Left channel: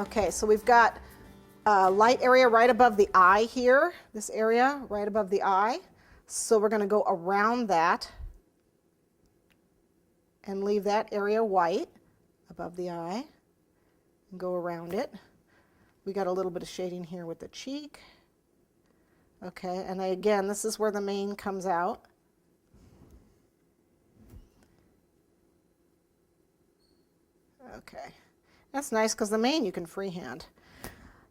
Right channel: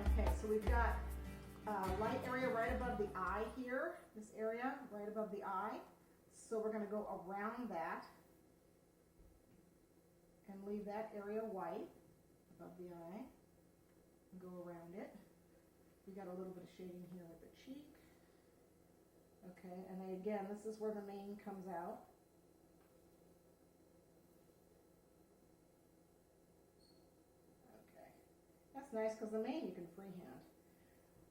Okay, so we've got a light area right above the eye here, this area right above the eye. So we're going to go around that and leave that area white above the eye and go around it. We got a little bit of shading here with the cheek. Okay, and again, this is where the mane comes out. Okay, that's nice because the mane you can freehand.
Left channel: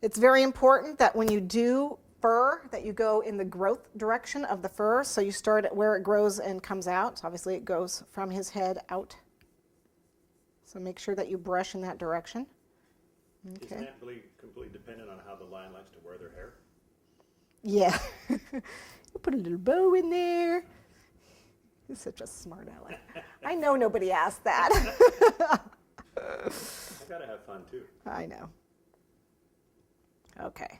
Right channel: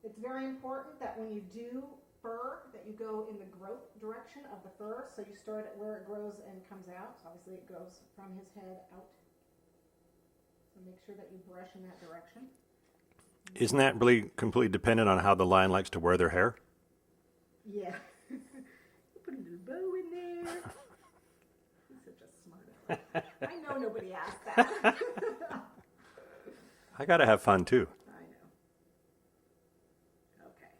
It's very important that when you do fur that you go in the growth direction of the fur, so you start at where it grows and comes out. So obviously it goes from his head out. So make sure that you brush in that direction. Okay. Isn't that really completely dependent on how the lion likes to wear their hair? Yeah. You put a little bow in there. You're such a smart aleck. I know nobody asked that. I gotta have fun too. I know. Okay.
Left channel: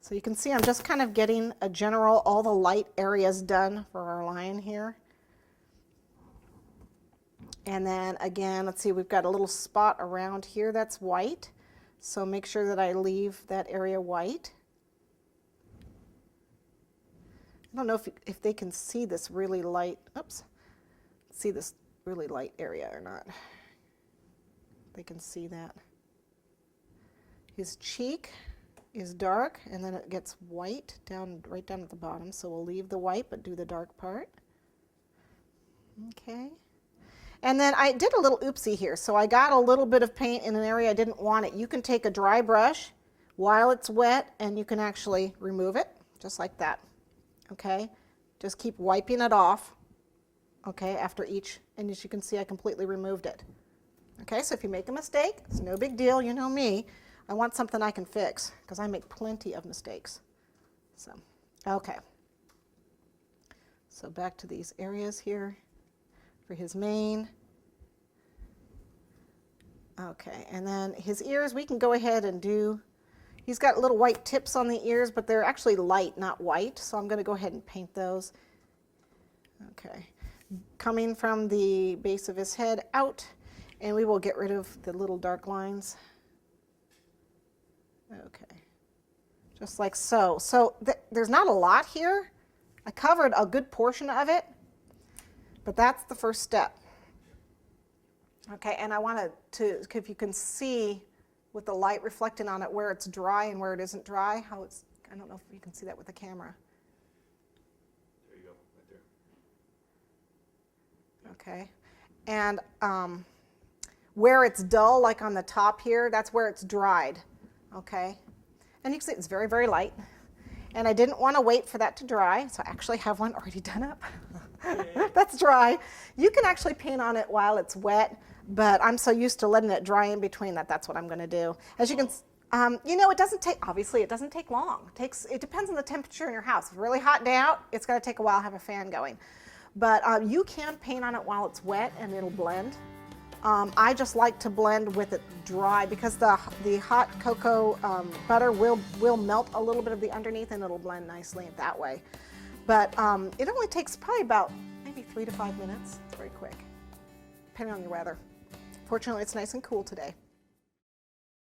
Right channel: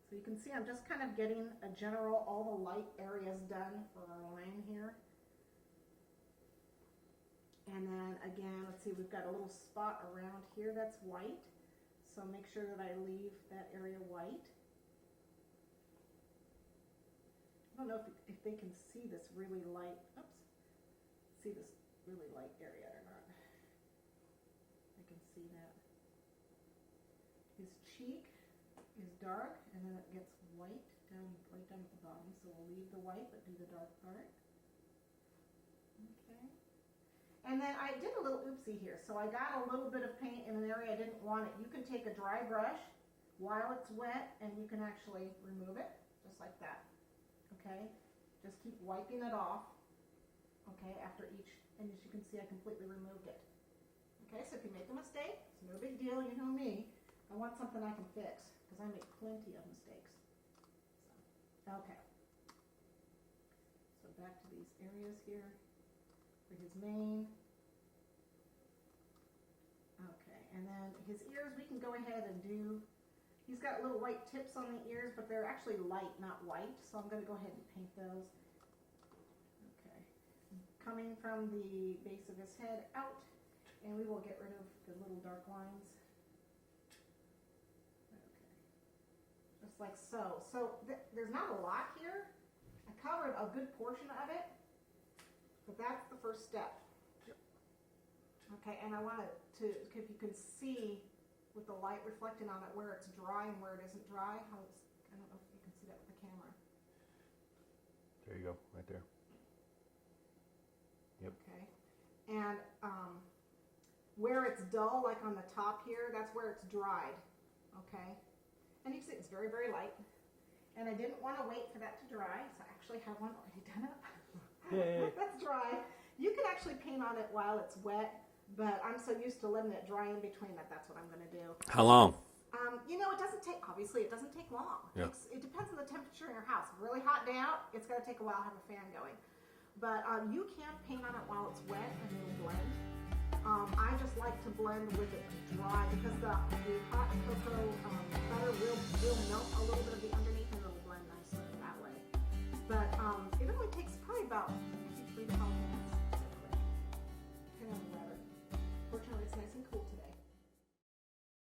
So you can see I'm just kind of getting a general, all the light areas done for our lion here. And then again, let's see, we've got a little spot around here that's white. So make sure that I leave that area white. I don't know if they can see this really light, oops, see this really light area or not. They can see that. His cheek is dark and then it gets white down, right down at the bottom. So we'll leave the white but do the dark part. Okay. And then I did a little oopsie here. So I got a little bit of paint in an area I didn't want it. You can take a dry brush while it's wet and you can actually remove it just like that. Okay. Just keep wiping it off. Okay. After each, and as you can see, I completely removed it. Okay. So if you make a mistake, it's no big deal. You know me. I want something I can fix because I make plenty of mistakes. So, okay. So back to these areas here for his mane. Okay, and then his ears, we can go ahead and do, he's got little white tips on the ears, but they're actually light, not white. So I'm going to go ahead and paint those. Okay, coming from the base of his head out, and we will get rid of the little dark lines. Okay, just like so. So there's not a lot here. I covered a good portion of it, but that's the first step. Okay, and I wanted to, if you can see with the light reflecting on it where it's dry and where it isn't dry, how it's, I don't know if you can see that with the camera. There you go, right there. Yep. Okay, and where it's dull, like on the top here, that's where it's dried. Okay, and you can see it's very, very light. And I didn't want to wait for that to dry, so I actually have one already done up. That's dry. You can actually paint on it while it's wet, but I'm so used to letting it dry in between that that's what I'm going to do. How long? You know, it doesn't take, obviously it doesn't take long. It depends on the temperature in your house. If it's a really hot day out, it's going to take a while to have a fan going. But you can paint on it while it's wet and it'll blend. I just like to blend with it dry because the hot cocoa butter will melt a little bit of the underneath and it'll blend nicely that way. But it only takes probably about maybe 3 to 5 minutes. It's very quick, depending on the weather. Fortunately, it's nice and cool today.